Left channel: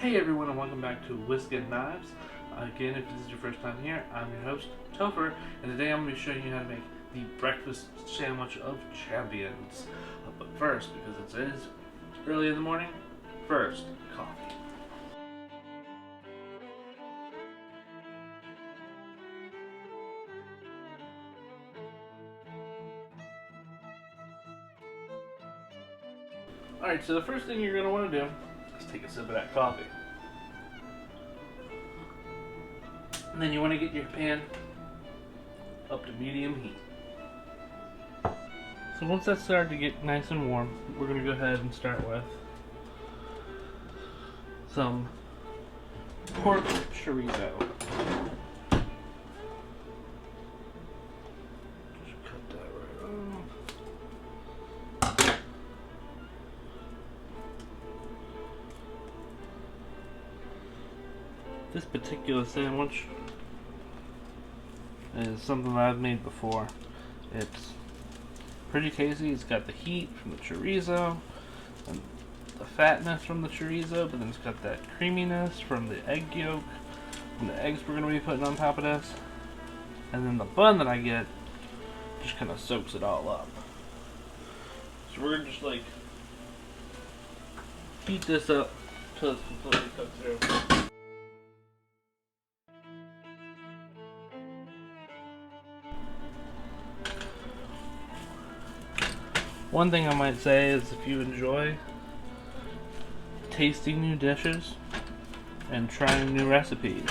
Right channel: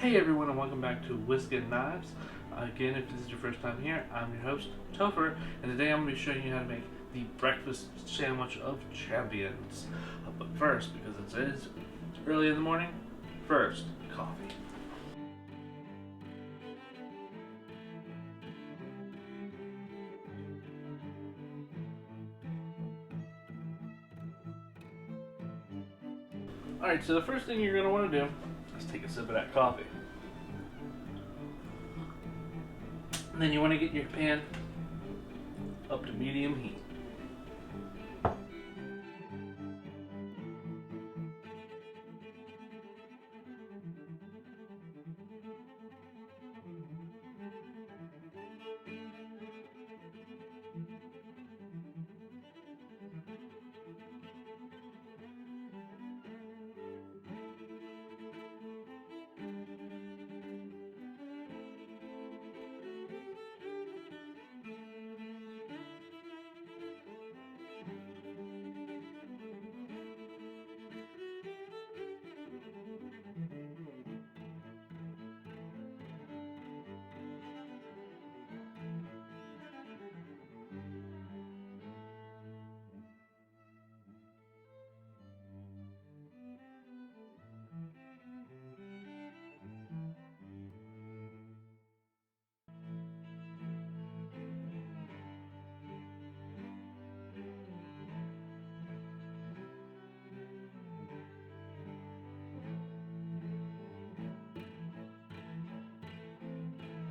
Hey everyone, and welcome back to Whisk and Knives. Again, if this is your first time here, I'm your host, Topher, and today I'm going to be showing you how to make the breakfast sandwich of champions. But first, because it is early in the morning, first, coffee. Alright, so the first thing you're going to want to do is take a sip of that coffee. And then you want to get your pan up to medium heat. So once that started to get nice and warm, we're going to go ahead and start with some pork chorizo. Just cut that right off. This particular sandwich is something that I've made before. It's pretty tasty. It's got the heat from the chorizo and the fatness from the chorizo, but then it's got that creaminess from the egg yolk and the eggs we're going to be putting on top of this. And then the bun that I get just kind of soaks it all up. So we're going to just like heat this up until it's completely cooked through. One thing I might say is if you enjoy tasting new dishes and trying new recipes,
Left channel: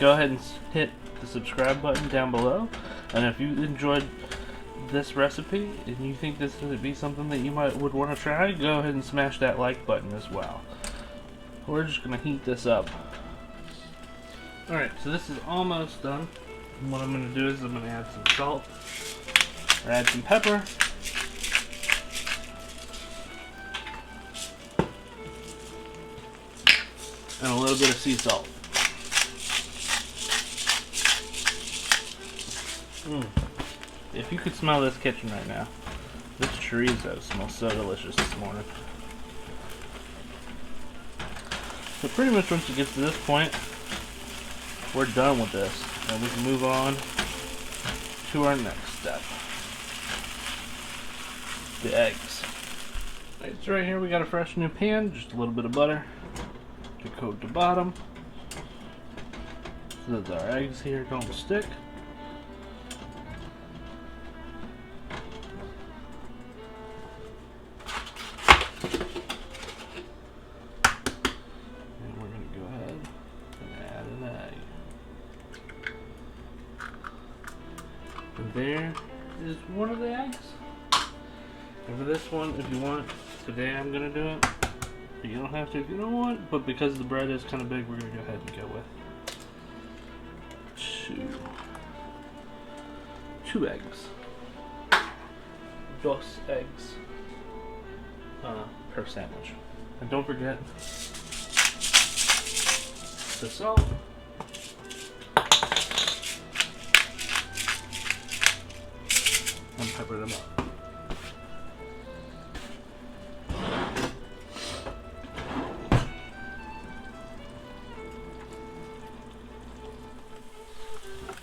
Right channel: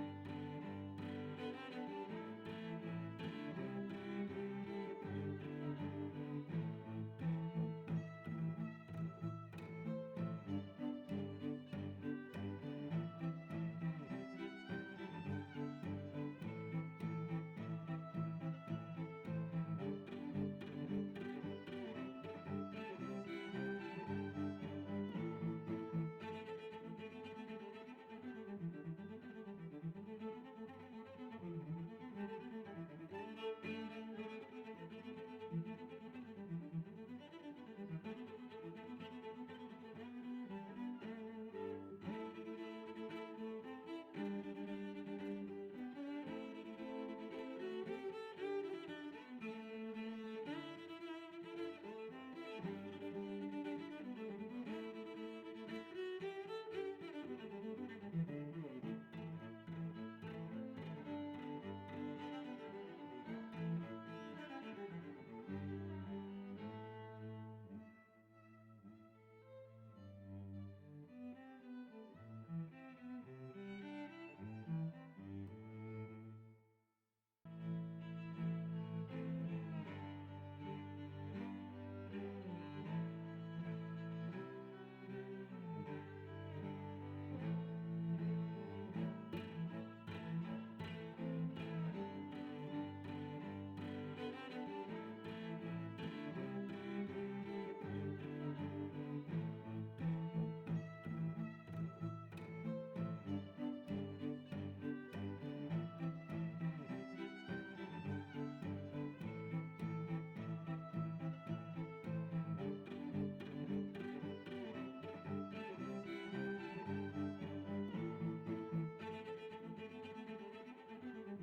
go ahead and hit the subscribe button down below. And if you enjoyed this recipe and you think this would be something that you would want to try, go ahead and smash that like button as well. We're just going to heat this up. Alright, so this is almost done. And what I'm going to do is I'm going to add some salt, or add some pepper, and a little bit of sea salt. If you could smell this kitchen right now, this chorizo smells so delicious this morning. So pretty much once it gets to this point, we're done with this, and we can move on to our next step. The eggs. Alright, so right here we got a fresh new pan, just a little bit of butter to coat the bottom so that our eggs here don't stick. And we're going to go ahead and add an egg. And there is one of the eggs. And for this one, if you want, today I'm going to do it. You don't have to if you don't want, but because the bread is kind of big, we're going to go ahead and go with two eggs. Dos eggs per sandwich. And don't forget the salt. And pepper them up.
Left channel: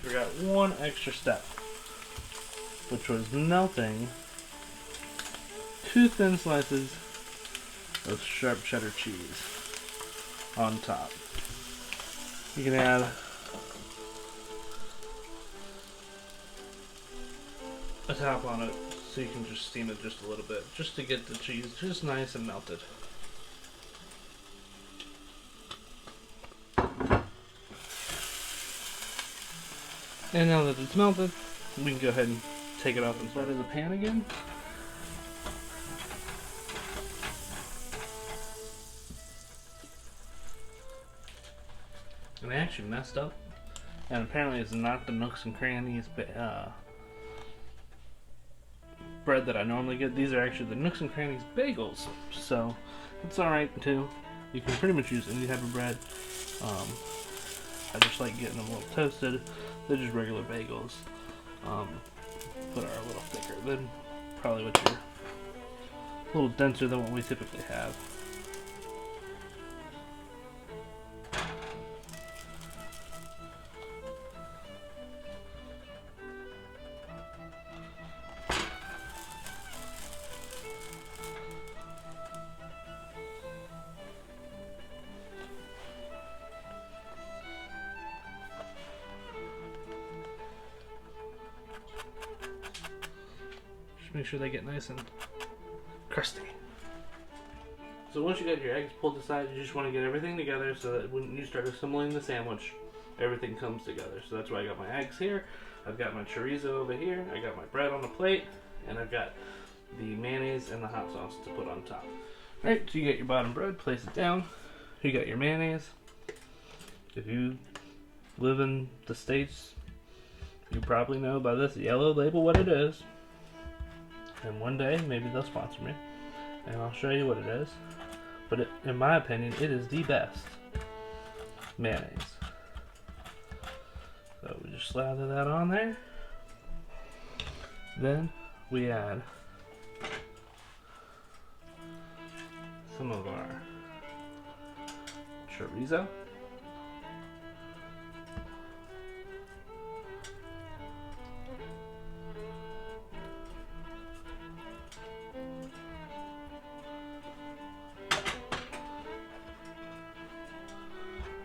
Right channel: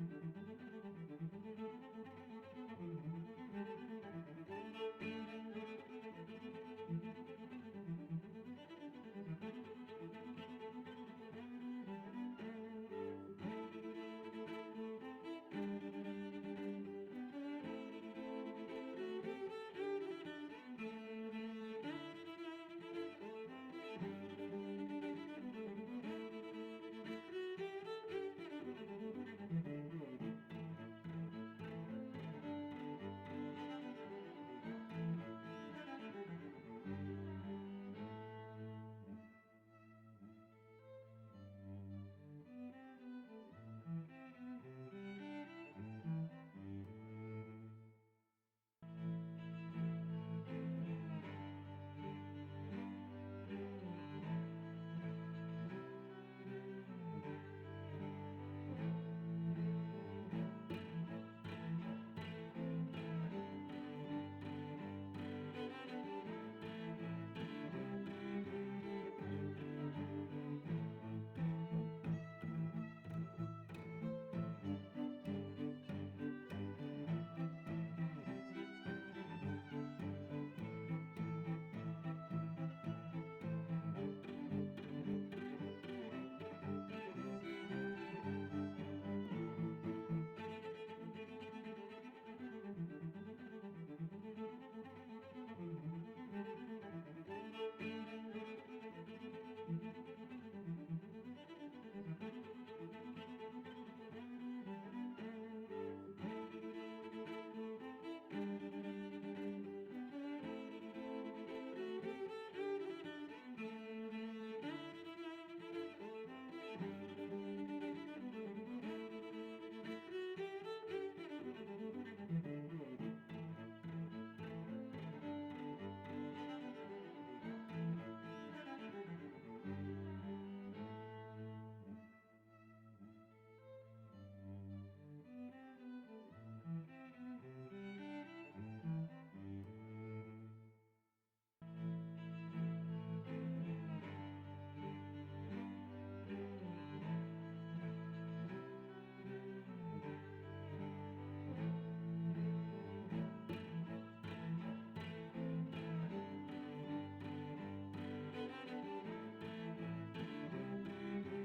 We got one extra step, which was melting 2 thin slices of sharp cheddar cheese on top. You can add a top on it so you can just steam it just a little bit, just to get the cheese just nice and melted. And now that it's melted, we can go ahead and take it off inside of the pan again. And I actually messed up. And apparently it's not the Nooks and Crannies bread that I normally get. These are actually the Nooks and Crannies bagels. So it's alright too. You can pretty much use any type of bread. I just like getting them a little toasted. They're just regular bagels, but are a little thicker than probably what you're, a little denser than what we typically have. make sure they get nice and crusty. So once you got your eggs pulled aside, you just want to get everything together so that when you start assembling the sandwich, everything comes together. So that's why I got my eggs here, I've got my chorizo over here, I got my bread on the plate, and I've got the mayonnaise and the hot sauce to put on top. Alright, so you get your bottom bread, place it down. You got your mayonnaise. If you live in the States, you probably know by this yellow label what it is. And one day, maybe they'll sponsor me, and I'll show you what it is. But in my opinion, it is the best mayonnaise. So we just slather that on there. Then we add some of our chorizo.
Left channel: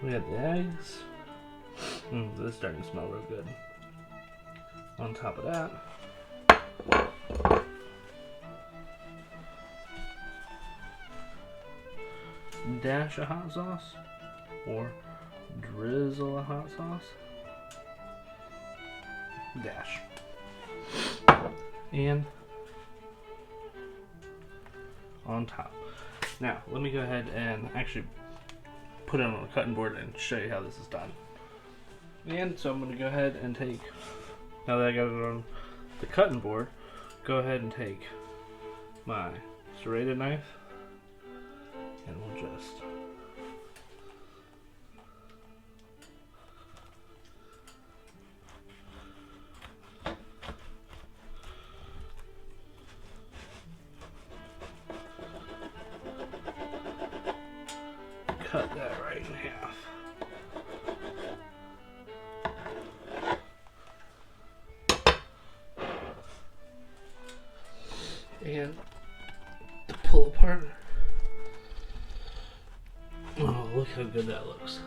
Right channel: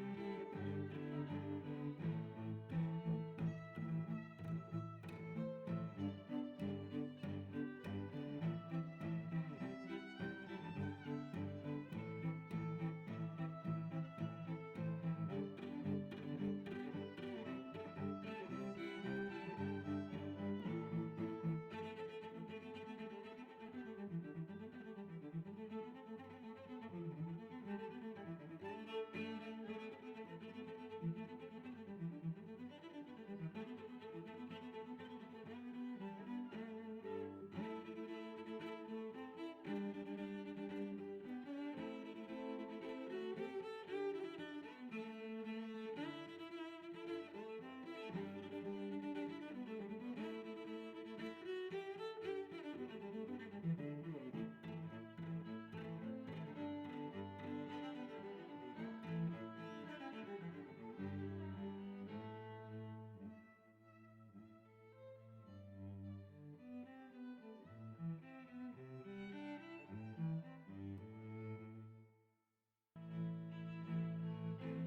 We have the eggs. This is starting to smell real good. On top of that, dash of hot sauce, or drizzle of hot sauce. Dash. And on top. Now, let me go ahead and actually put it on a cutting board and show you how this is done. And so I'm going to go ahead and take, now that I got it on the cutting board, go ahead and take my serrated knife and we'll just cut that right in half. And to pull apart. Oh, look how good that looks.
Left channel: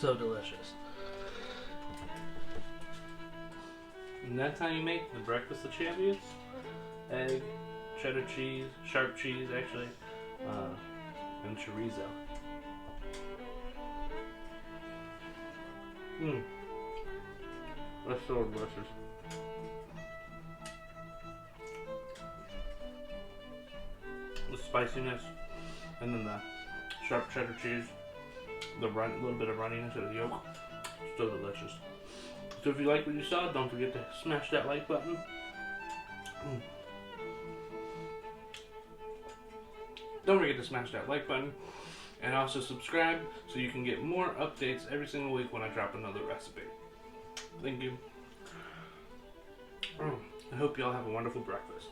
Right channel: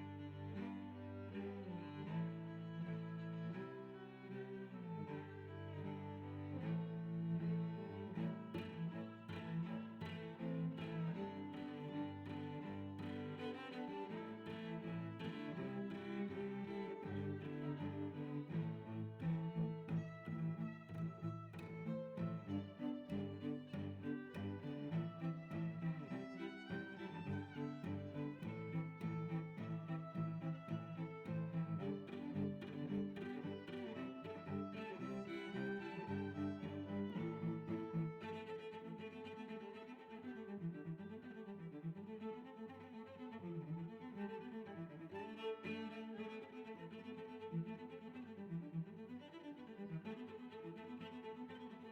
So delicious. And that's how you make the breakfast of champions. Egg, cheddar cheese, sharp cheese actually, and chorizo. That's so delicious. The spiciness, and then the sharp cheddar cheese, the little bit of runniness of the yolk, so delicious. So if you like what you saw, don't forget to smash that like button. Don't forget to smash that like button and also subscribe so you can get more updates every single week when I drop another recipe. Thank you. I hope you all have a wonderful breakfast.